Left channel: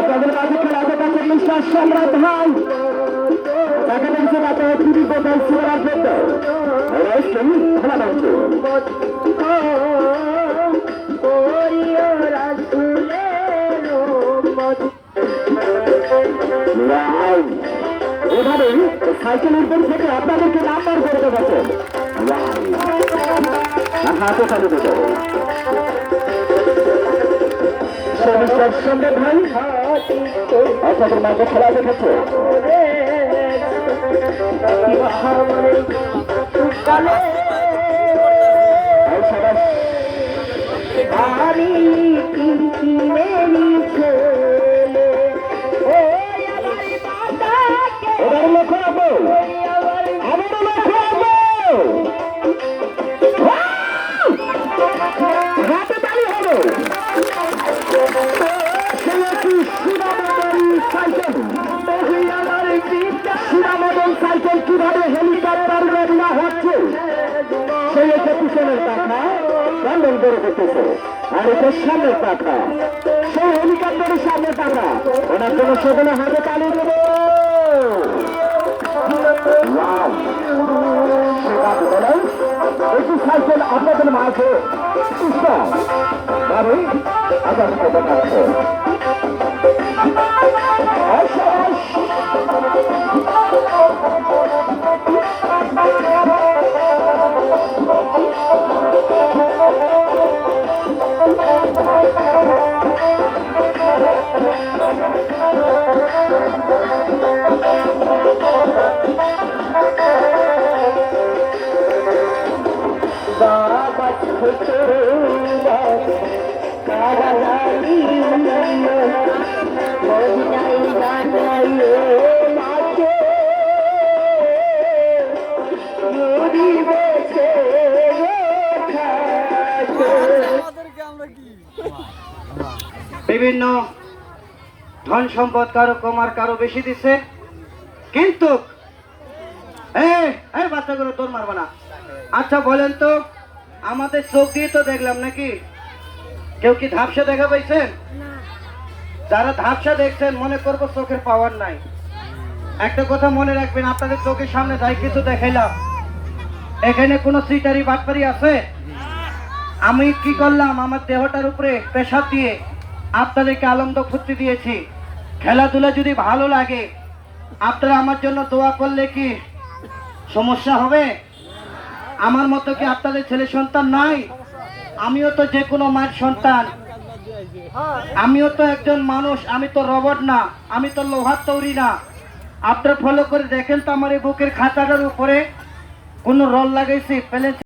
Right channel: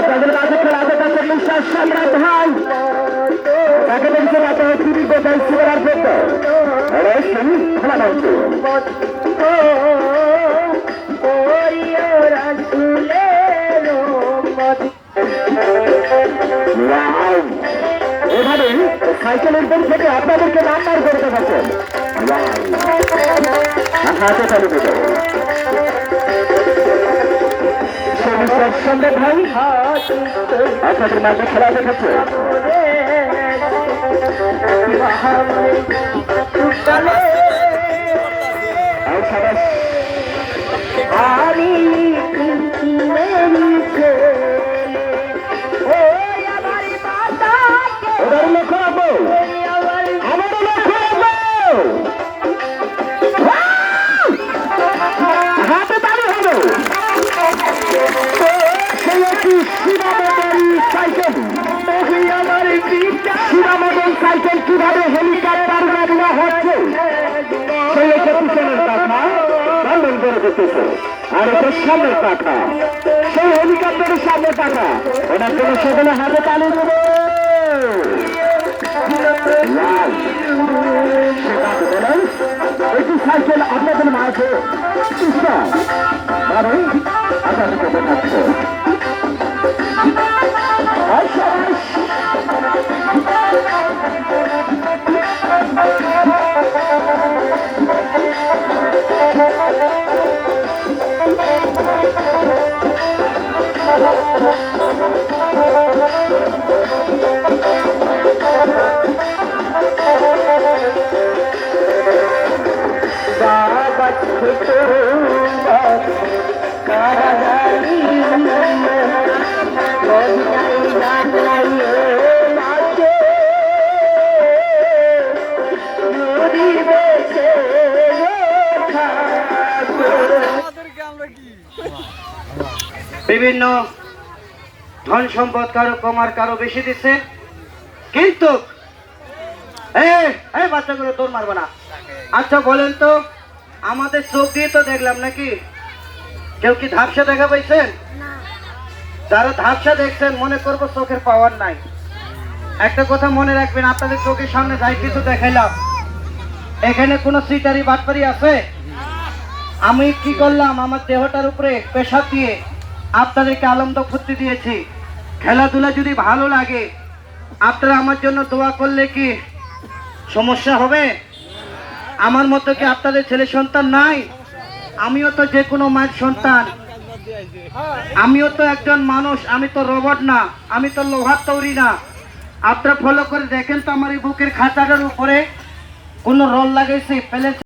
আপনাদের কাছে খেলাতে কাছে বিশ্বাস সম্রাট ভাই তাকে দেখতে পাতে টিভি কোথায় জন্য খেলা মঞ্চ এভাবে সাইকেলের দিক থেকে আপনাদেরকে নাম্বার করে দেখাচ্ছেন হাতে চালু দেবে সম্রাট ভাই আপনাদের মাঝে খেলা দেখাচ্ছে করে দিতেছে। আর এটা সামনের পাখা। সেই হেলিকপ্টারের সামনের পাখা। ওনার জন্য সেগুলো হাতে তালি দেবে? একটি সাইকেল আপনাদের মাঝে। মানে আপনাদেরকে দেখাচ্ছে। বিভিন্ন ধন সম্পদ কারও কমার কারও বেশি দিচ্ছে কিন্তু এই বাচ্চাগুলো তোর মারবো না। আচ্ছা বলেন তো আমাদের চোখ দিয়ে তো দেখলাম নাকি? কেউ কি ধাপসা দেখা পাইছেন? যারা ধাপসা দেখছেন মনে করব চোখের পাওয়ার নাই। একটা কথা মনে রাখবেন আপনাদের চোখের সামনে যাই কিছু দেখাইলাম। এখানে কোনো সিটারি বাটপারি আছে? আমি কি করলাম আমার দেহটার উপরে পেশাব দিয়ে আপনাদেরকে আনন্দ ফুর্তি দিয়েছি। খেলাধুলা যদি ভালো লাগে আপনারা আমার জন্য দোয়া করলে কি সমস্যা হবে? আমার মতো কি আপনাদের ছেলে সন্তান নাই? আমিও তো যে কোনো মায়ের সন্তান। আমিও তো একজন মানুষ, আমি তো রবট না, আমি তো লোহার তৈরি না। আপনারা ফলো করে দেখেন তো আমার এই বুকের খাতাটার উপরে কোনো রল লাগাইছে, পেলে